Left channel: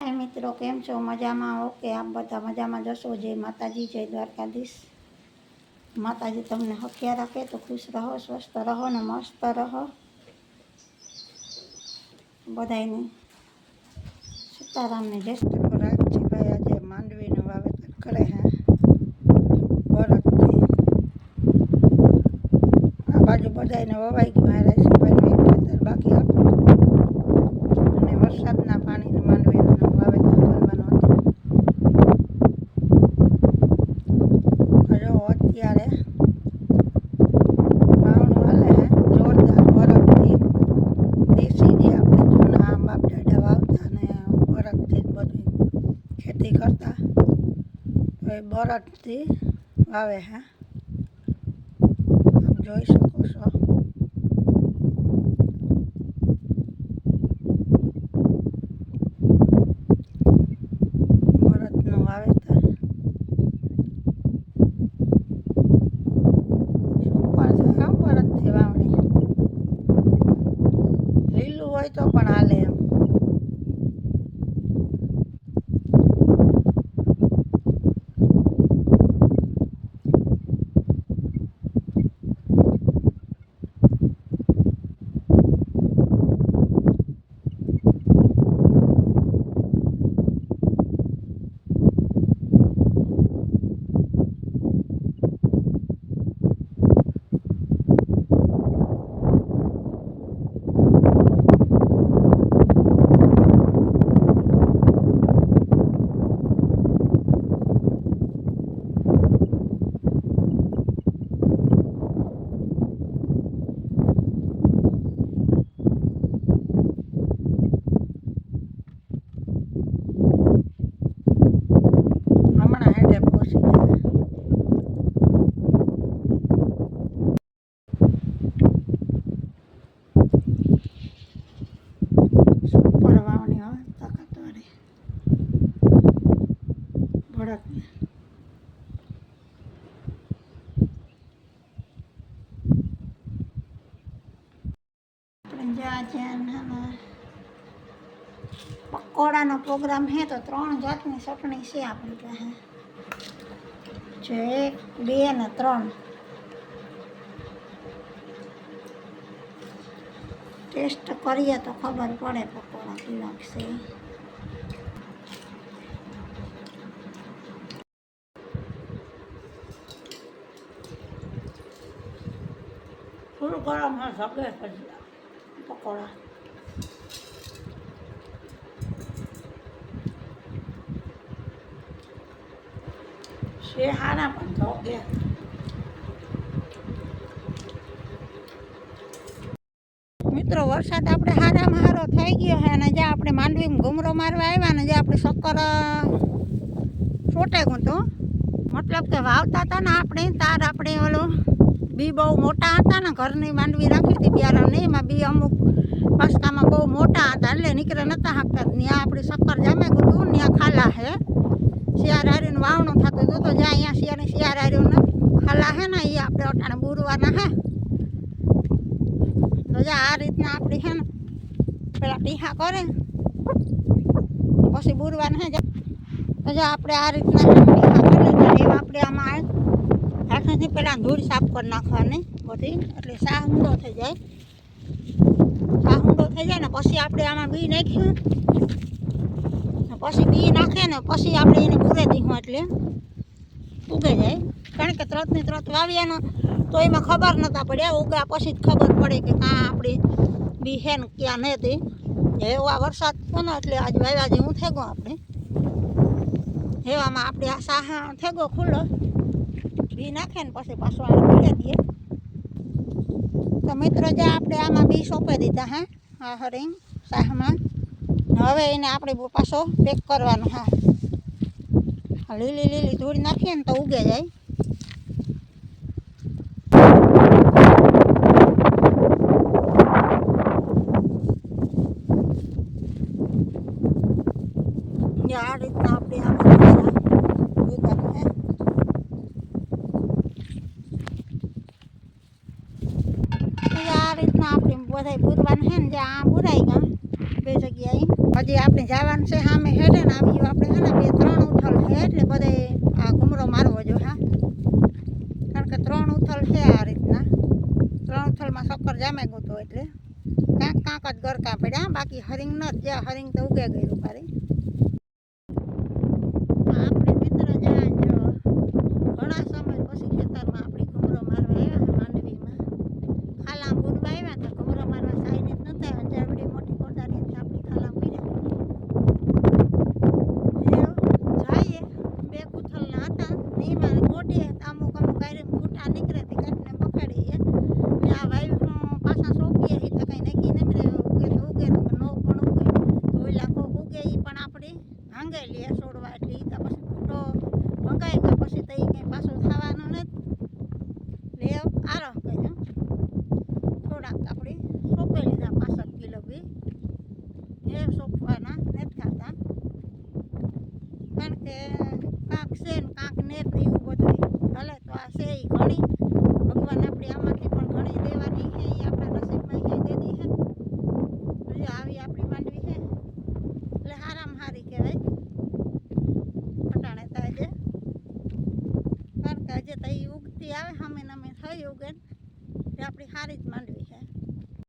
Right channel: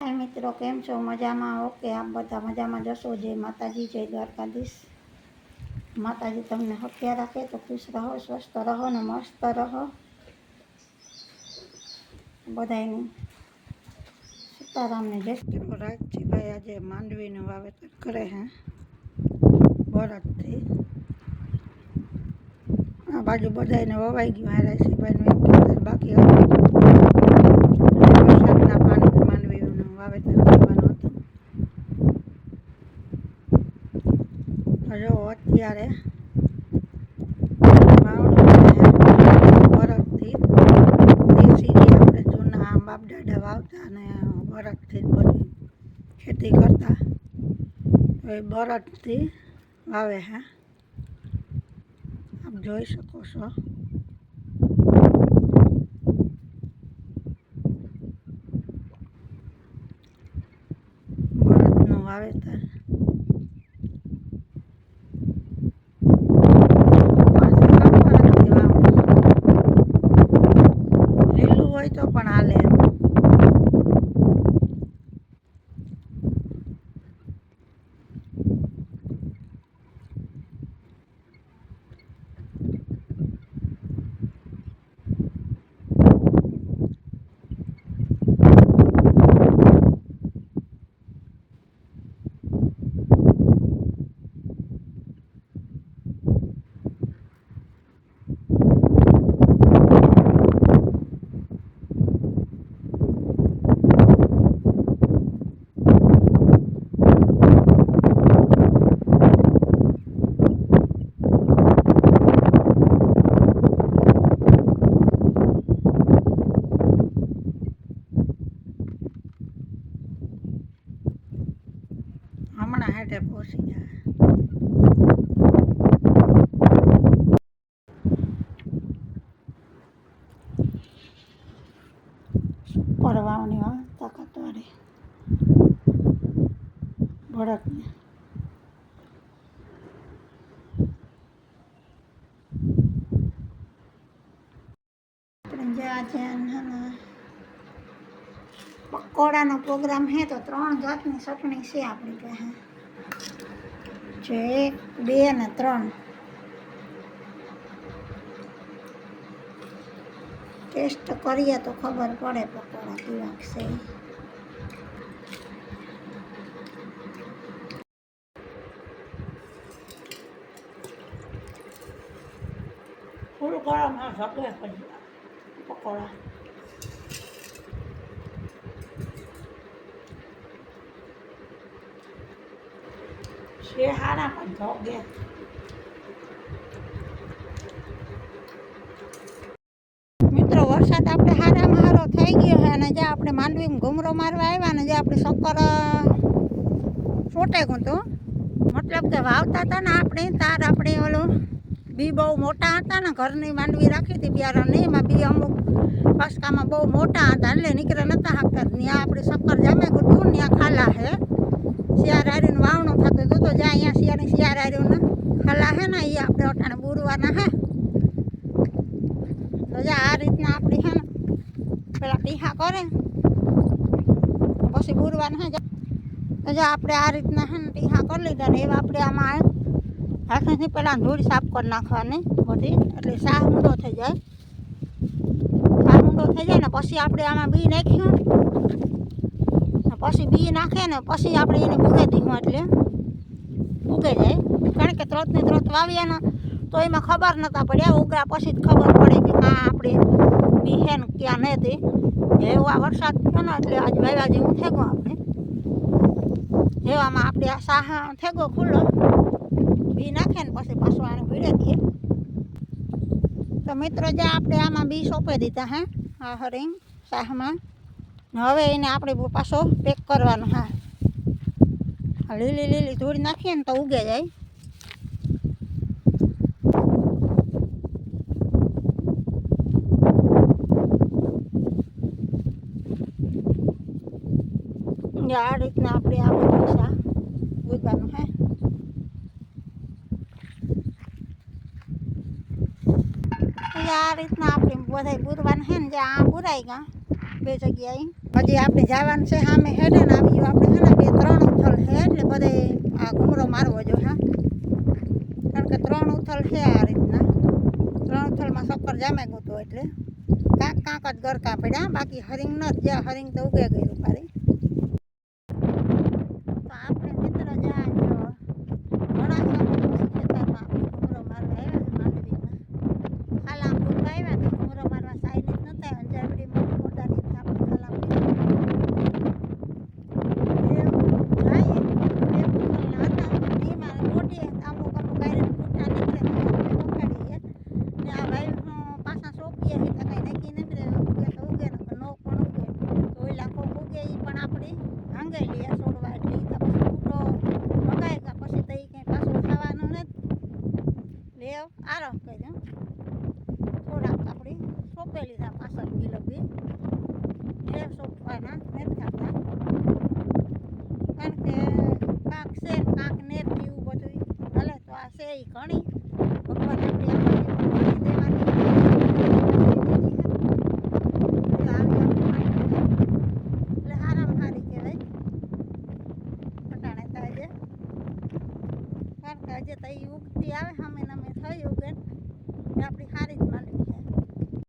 હાય મિત્રો કેમ છો મજામાં ઓકે આપ બધા મજામાં જશો જય માતાજી જય દ્વારકાધીશ માતાજી તમને હથિયાર રાખે તો ખુશ રહો સ્વસ્થ રહો ને મસ્ત રહો બધાયની સીતારામને જય શ્રી રાજજીભાઈ આજે માંડવીનું વાવેતર કરે હે બળદથી આ બાજુ બધાયને વવાઈ ગયું આ રાશીભાઈનું એક ખેતર બાકી વરસાદના પાણીને માંડવીનું વાવેતર કરવાનું હતું. જો અત્યારે ખેતી કરતા. બરફથી વાવે હા. જોઈ શકો છો. ભડકને આપણે જ્યાં જ્યાં નાના પકોડાનો પ્રોગ્રામ હે તો ત્રણ જાતની ચટણી છે આપણી પાસે. જો એક, બે ને ત્રણ. ટેસ્ટ કરીએ તો ખબર પડે પકોડા કેવા છે. ફૂલ ગરમ હા સગે પછી પકોડા. હારા પણ ધોગે મિત્રો, વરસાદ આપણે હારામાં હારો થઈ ગયો છે અને જે આપણે માંડવીમાં ઘૂમરો મારવા આવ્યા ને જે આપણે શક્કર છોટે તો મતલબ કે વાવતા હતા ને આપણે, તાર આપણે ઓલું બી બહુ મોટા હતા ને ઘરની માંડવી રાખી હતી બિયારણની એમાં બી અમુક પસકામાં બહુ મોટા હતા. એટલે નીકળે નતા હાંકતા. ત્યાં આપણે શક્કર જામે ગયું ત્યાં ખાલા છે શિયાર હારીનું વાવણું થતું હતું તો જ્યાં અહીંયા શિયાળની શિયાર હારીઓના ખાલા છે ને એ આપણે અટાણે બુરવાના હે. તો જા આ રીતના આપણી છે ને. પેલા ટીહા કરે. પછી બુરવાના હે. તો જો આપણે આ રીતના છે ને ટીહા કરી. લીધા ને એવા આપણે આમાં હાથેથી પહેલાં ધૂળ સાફ કરી નાખવાની બધી, એટલે શાહ ઊંડો થઈ જાય. શાહ ઊંડો થઈ જાય ને પછી આપણે આમાં બી નાખ્યું. પછી બી નાખે ને પછી આપણે એને બુરે દીધું એટલે ઉગે જાય. કારણ કે ત્રત ને ત્રત વાવ્યા ને તો એમાં ખબર નતા પડ્યા. ઉગ્યા પછી જ ખબર પડે કે કાં આપણે બી હે ને ક્યાં નથી એવો આ વરસાદ થયો ને એટલે આજ વાવ્યા જેવું થઈ ગયું આપણે. એવામાં આપણે આ સાહા થઈ ગયો ખુલ્લો. બી નાખે ને પછી પાછું આને પીડે દઈએ તો મિત્રો, જે આપણે આમાં બી સોંપી દીધા, હા? આ હરિંગ શાહમાં. હવે એને આપણે પાછો પેક કરવાનો, હા. લીલી લીલી ધૂળ નાખીએ ને તો ઉગે જાય. આ રીતના આપણે આ બધા ઉગાડવાનું હે તો આ રીતના આપણે બધા બુરવાના છે ને જ્યાં આ બુરાઈ ગયા, બે જગ્યાએ. હજી આપણે જવાનું છે, સામે હેડે ને આવી આપણે છે ને, બે ત્રણ ઉથલ છે, એટલે બધે આ ઘૂમરો મારવો જો, હા. કારણ કે ત્રણ ઉથલ છે આ રીતના. ત્રણ ઉથલમાં સક્કર જામે ગયું હતું એટલે. કાંક કાંક જ ગરકા પડ્યા, બાકી હરિંગ ન જ, જ્યાં હરિંગ તો ઉગે ગયું પારી આપણે મિત્ર જ્યાં જો ઘણા સમય પછી ખેતરમાં આપણે ઘૂમરો મારવા આવ્યા છે માંડવીમાં ખાલા પૂરવા આવ્યા તો ઘૂમરો મારવા સાઈને જ નતા આવ્યા જરબડી મોટી કોટારી આપણે ખાલા પીધી જાય બે પુતલના હતા એમાં મોટી અમુક અમુક આયરન ફૂટા નીકળે ને આપણે પકડીએ ને આ વાયુ પાછા સોંપીએ એ તો કંઈ નક્કી નથી રહે ઉગે તો ઉગે ને નો પણ ઉગે તો ઓલા કોક ઉગે એ પણ આપણી ભાંગે લઈએ છોડવા એટલે ઈ તો પછી ફૂટો મંગાય કે પછી તો એ કંઈ પાછું ખાવાનું નથી લે આરો કહ્યું થોડાક આપણે સોંપી લીધા પાછળ કિલો બી એ સોંપવાના નથી ખાતા કારણ કે કાંક છે ને કાંક નેર એવું બધું ભલે તો આ છે એ ઘણી.